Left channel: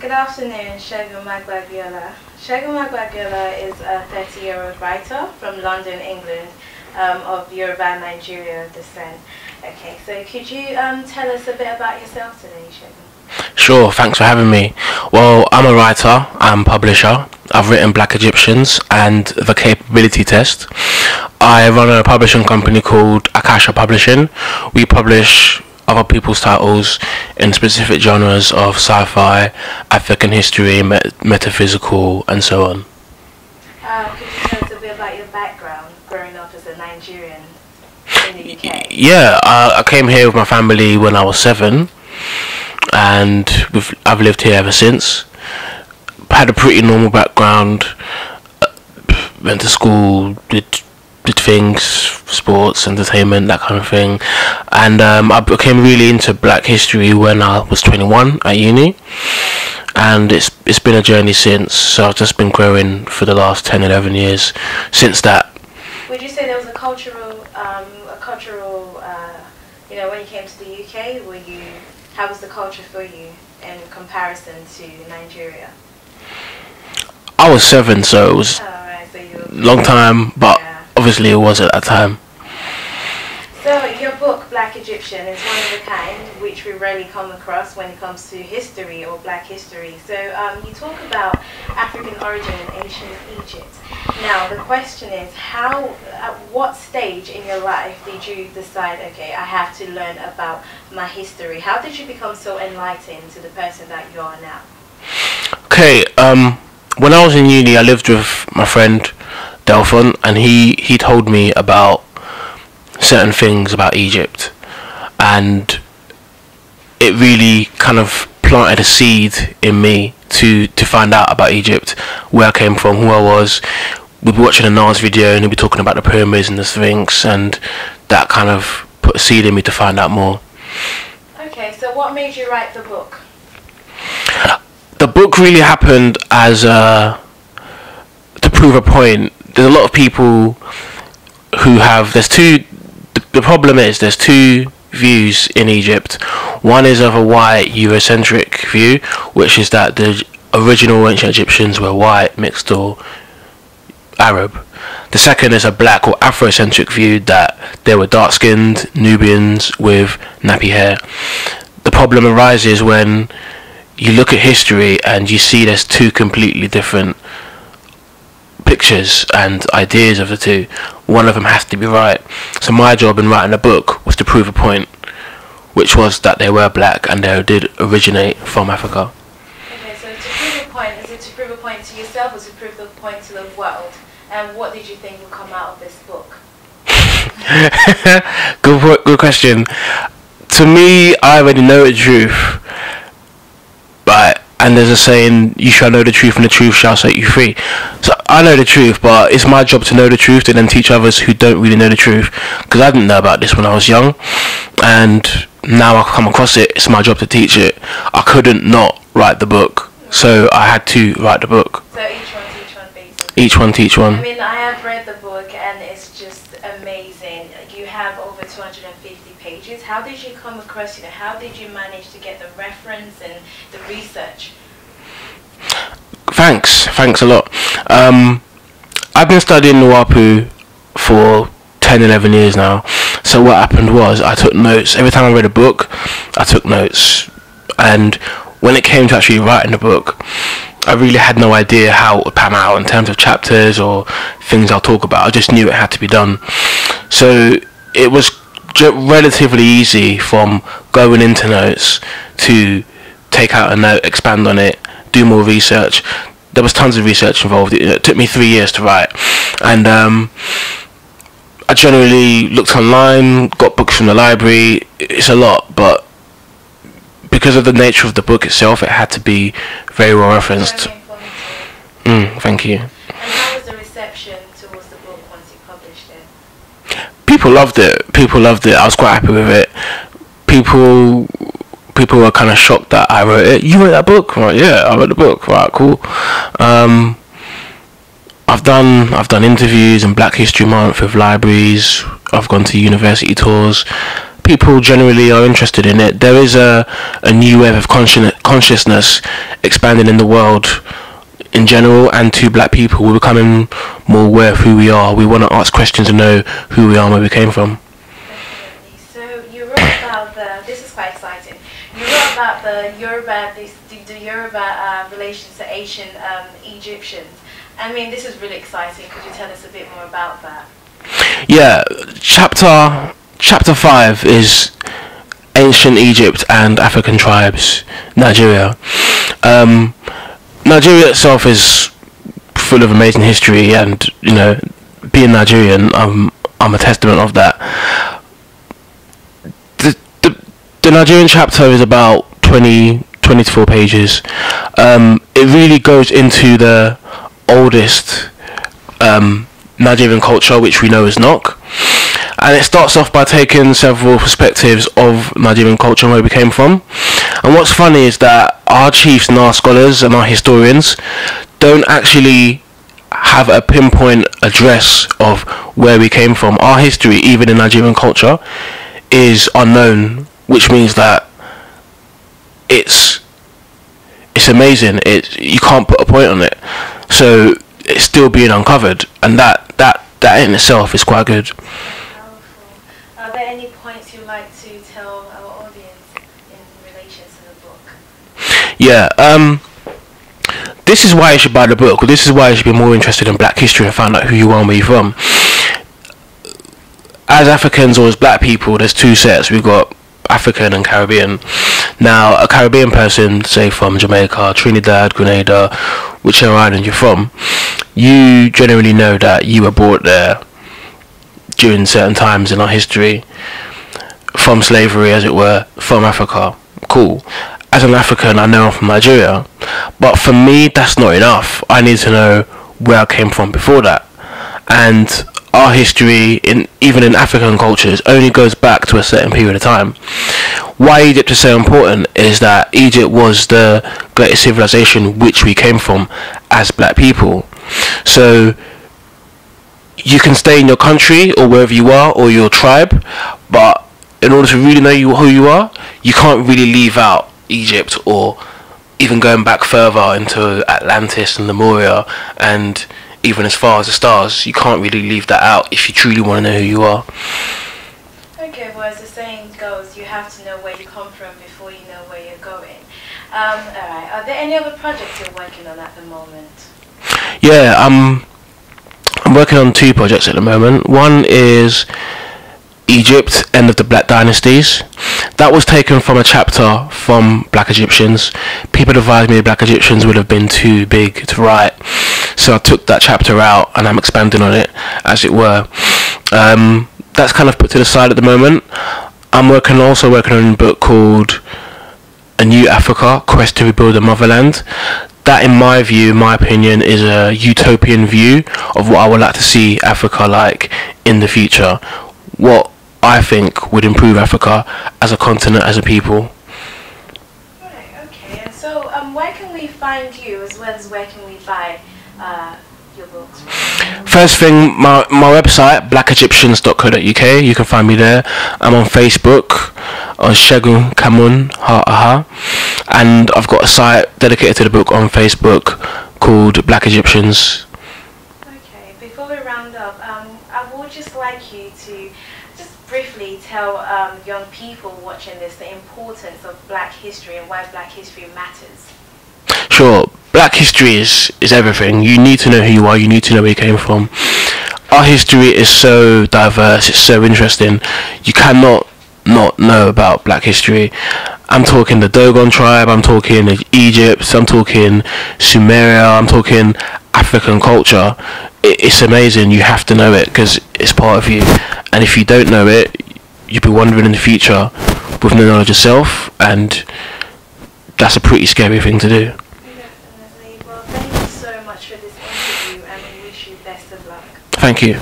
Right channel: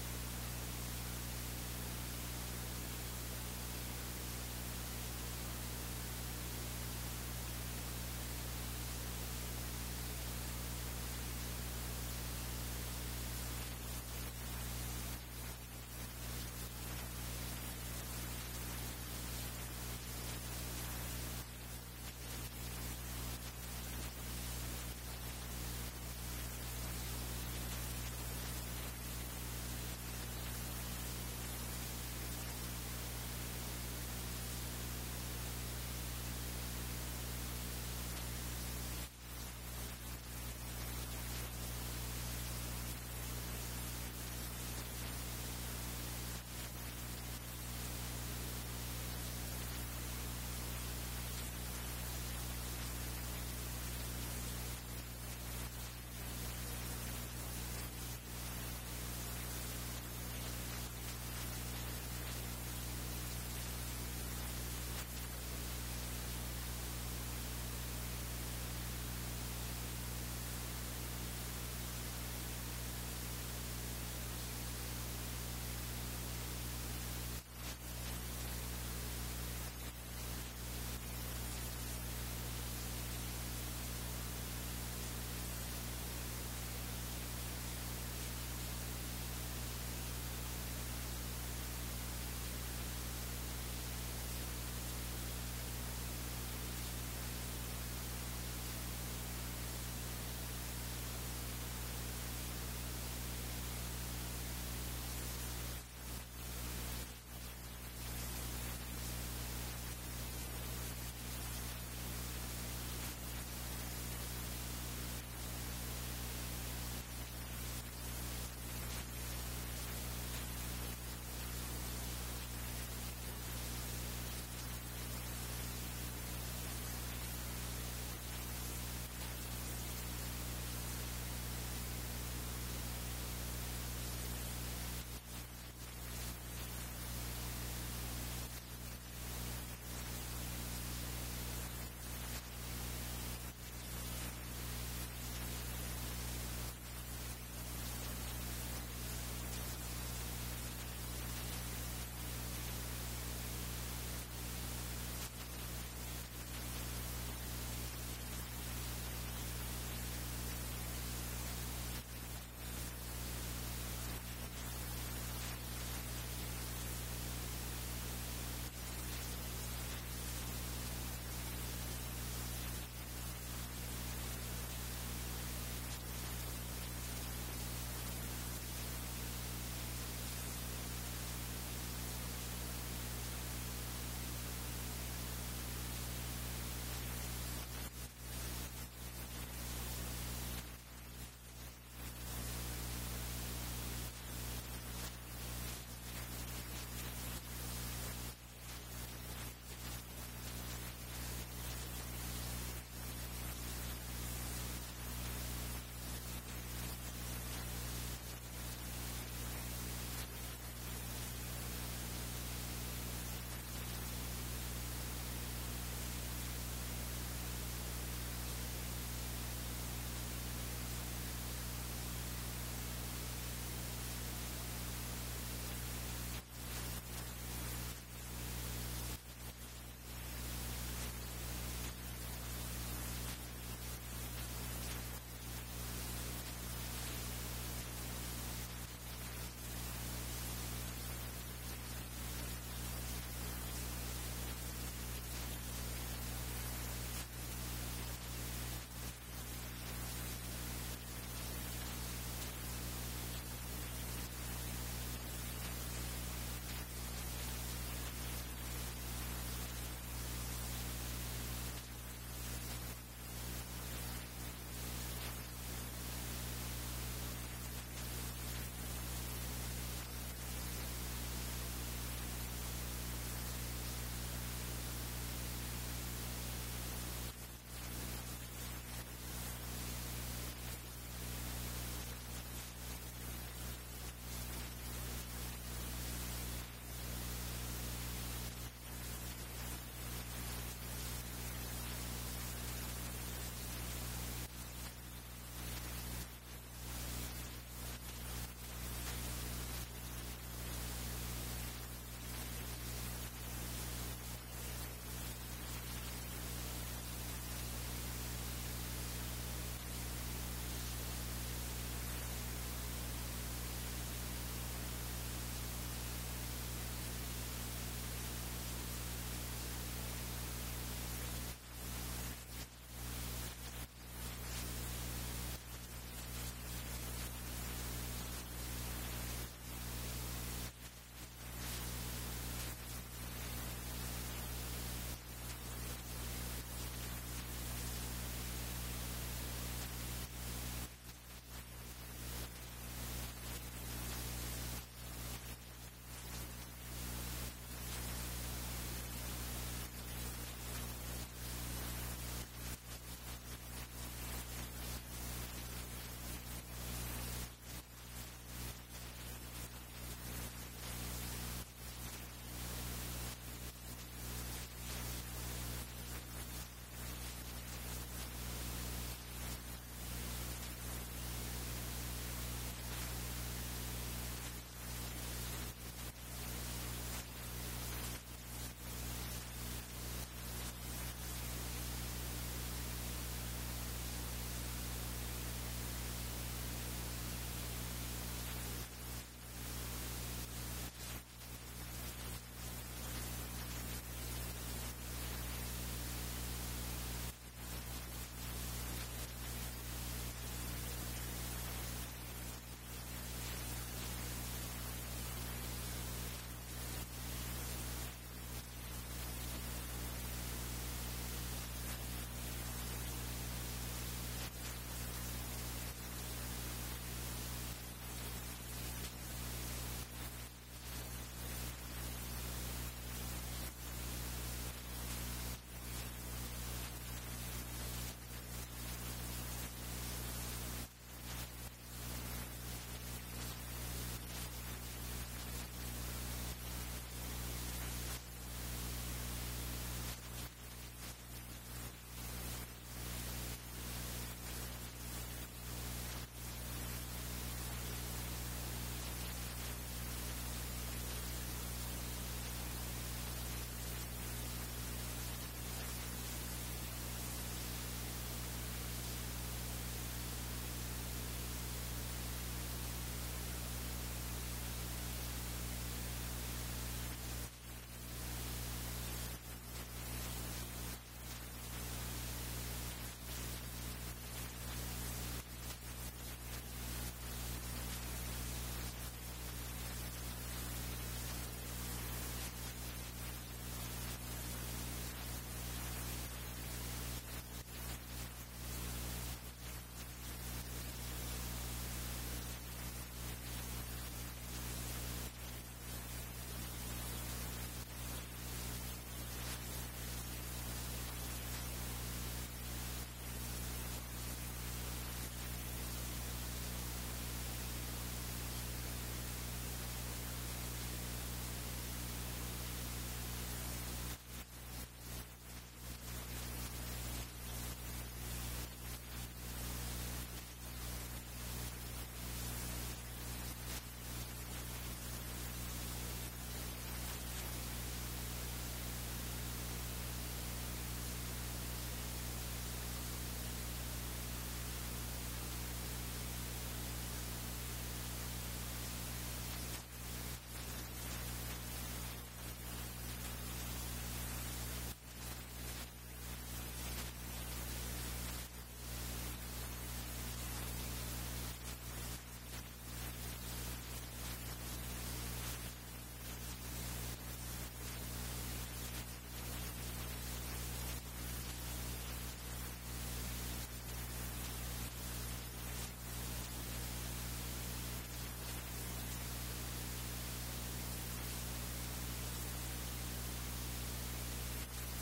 Good afternoon, Segun Magbagbeola. Segun Magbagbeola is a 30-year-old writer from London, England, of Yoruba Nigeria descent. Okay, so could you tell us a bit about yourself today, Segun? Sure, thanks for having me. Well, I'm a writer, I'm a publisher. I've written Black Egyptians and The Capability Test. I run a publishing company called Akasha Publishing. We publish other people's titles in specific genres of sci-fi, African history, metaphysical, and so on. Could you tell us a bit about your background growing up as a Nigerian in the UK? Yeah, I came here with my family when I was 7, and I've lived here ever since. Had a pretty normal background. Went to school, did things, sports, entertainment, that kind of thing, and I became really into Black history when I was 21 at uni, and it's been a journey since. So I've just been growing for the last 10-11 years since that. Would you say there was a cultural, when you came to the UK, how was the culture for you in comparison to Nigeria? I was 7, so it was Right, so a long time, but yeah. obviously it was at that time. So your book, Black Egyptian, is one of a kind, which we rarely come across when it comes to history or Black history. So you talk about African origin in ancient Egypt. Now the question is, at what stage in your life did you decide, okay, I have to learn about my history? How did you become so enlightened to the person that you are now? Okay, when I was in uni, I lived with my friend Delphon, and he told me about certain things about Egypt, and it really kind of planted a seed in me to find out about Egypt, where I came from, who I was. We'd be watching a Nas video and he'd be talking about the pyramids and the Sphinx, and that kind of put a seed in me to find out more. Okay, so what made you write the book? The book really happened as to prove a point. There's a lot of people who have, the problem is there's two views in Egypt. One is of a white Eurocentric view, which is that the original ancient Egyptians were white, mixed, or Arab. The second is a black or Afrocentric view, that they were dark-skinned Nubians with nappy hair. The problem arises when you look at history and you see there's two completely different pictures and ideas of the two. One of them has to be right. So my job in writing a book was to prove a point, which was that they were black and they did originate from Africa. Okay, so to prove a point, is it to prove a point to yourself or to prove the point to the world? And what did you think would come out of this book? Good question. To me, I already know the truth. Right, and there's a saying, you shall know the truth and the truth shall set you free. So I know the truth, but it's my job to know the truth and then teach others who don't really know the truth, because I didn't know about this when I was young, and now I come across it, it's my job to teach it. I couldn't not write the book, so I had to write the book. So each one basically. Each one teach one. I mean, I have read the book and it's just amazing. You have over 250 pages. How did you come across, how did you manage to get the reference and the research? Thanks a lot. I've been studying Nuwapu for 10-11 years now. So what happened was I took notes. Every time I read a book, I took notes. And when it came to actually writing the book, I really had no idea how it would pan out in terms of chapters or things I'll talk about. I just knew it had to be done. So it was relatively easy from going into notes to take out a note, expand on it, do more research. There was tons of research involved. It took me 3 years to write, and I generally looked online, got books from the library. It's a lot, but because of the nature of the book itself, it had to be very well referenced. Thank you. And how was the reception towards the book once you published it? People loved it. People loved it. I was quite happy with it. People were kind of shocked that I wrote it. You wrote that book? Right, yeah, I wrote the book. Right, cool. I've done interviews in Black History Month with libraries. I've gone to university tours. people generally are interested in it. There is a new wave of consciousness expanding in the world in general, and to black people. We're becoming more aware of who we are. We want to ask questions and know who we are and where we came from. Definitely. So you wrote about this is quite exciting. You wrote about the Yoruba relations to ancient Egyptians. I mean, this is really exciting. Could you tell us a bit more about that? Yeah, chapter 5 is ancient Egypt and African tribes, Nigeria. Nigeria itself is full of amazing history, and you know, being Nigerian, I'm a testament of that. The Nigerian chapter is about 24 pages. It really goes into the oldest Nigerian culture, which we know as Nok, and it starts off by taking several perspectives of Nigerian culture and where we came from. And what's funny is that our chiefs and our scholars and our historians don't actually have a pinpoint address of where we came from. Our history, even in Nigerian culture, is unknown, which means that it's amazing. You can't put a point on it, so it's still being uncovered, and that in itself is quite good. Powerful. Are there any points you'd like to tell our audience in relation to the book? Yeah, this is why you should buy the book. This is why you should be more interested in black history and find out who you are and where you're from. As Africans or as black people, there's two sets. We've got African and Caribbean. Now, a Caribbean person, say from Jamaica, Trinidad, Grenada, whichever island you're from, you generally know that you were brought there during certain times in our history, from slavery, as it were, from Africa. Cool. As an African, I know I'm from Nigeria, but for me, that's not enough. I need to know where I came from before that. And our history, even in African cultures, only goes back to a certain period of time. Why Egypt is so important is that Egypt was the greatest civilization which we came from as black people. So you can stay in your country or wherever you are, or your tribe, but in order to really know who you are, you can't really leave out Egypt, or even going back further into Atlantis and Lemuria, and even as far as the stars. You can't really leave that out if you truly want to know who you are. Okay, well, as the saying goes, you have to know where you come from before you know where you're going. Alright, are there any other projects you're working on at the moment? Yeah, I'm working on 2 projects at the moment. One is Egypt, End of the Black Dynasties. That was taken from a chapter from Black Egyptians. People advised me Black Egyptians would have been too big to write, so I took that chapter out and I'm expanding on it, as it were. That's kind of put to the side at the moment. I'm also working on a book called A New Africa, Quest to Rebuild the Motherland. That, in my view, my opinion, is a utopian view of what I would like to see Africa like in the future. What I think would improve Africa as a continent, as a people. Right, okay. And so where can we find you, as well as where can we buy your books? First thing, my website, blackegyptians.co.uk. You can find me there. I'm on Facebook, on Segun Magbagbeola, and I've got a site dedicated to the book on Facebook called Black Egyptians. Okay, before we round up, I would just like you to just briefly tell young people watching this the importance of black history and why black history matters. Sure, black history is everything. You need to know who you are, you need to know where you came from. Our history is so diverse, it's so interesting. You cannot not know about black history. I'm talking the Dogon tribe, I'm talking Egypt, I'm talking Sumeria, I'm talking African culture. It's amazing. You have to know it because it's part of you, and if you don't know it, you'll be wandering in the future with no knowledge of self, and that's a pretty scary thing to do. Definitely. Well, thank you so much for this interview, and we wish you best of luck. Thank you.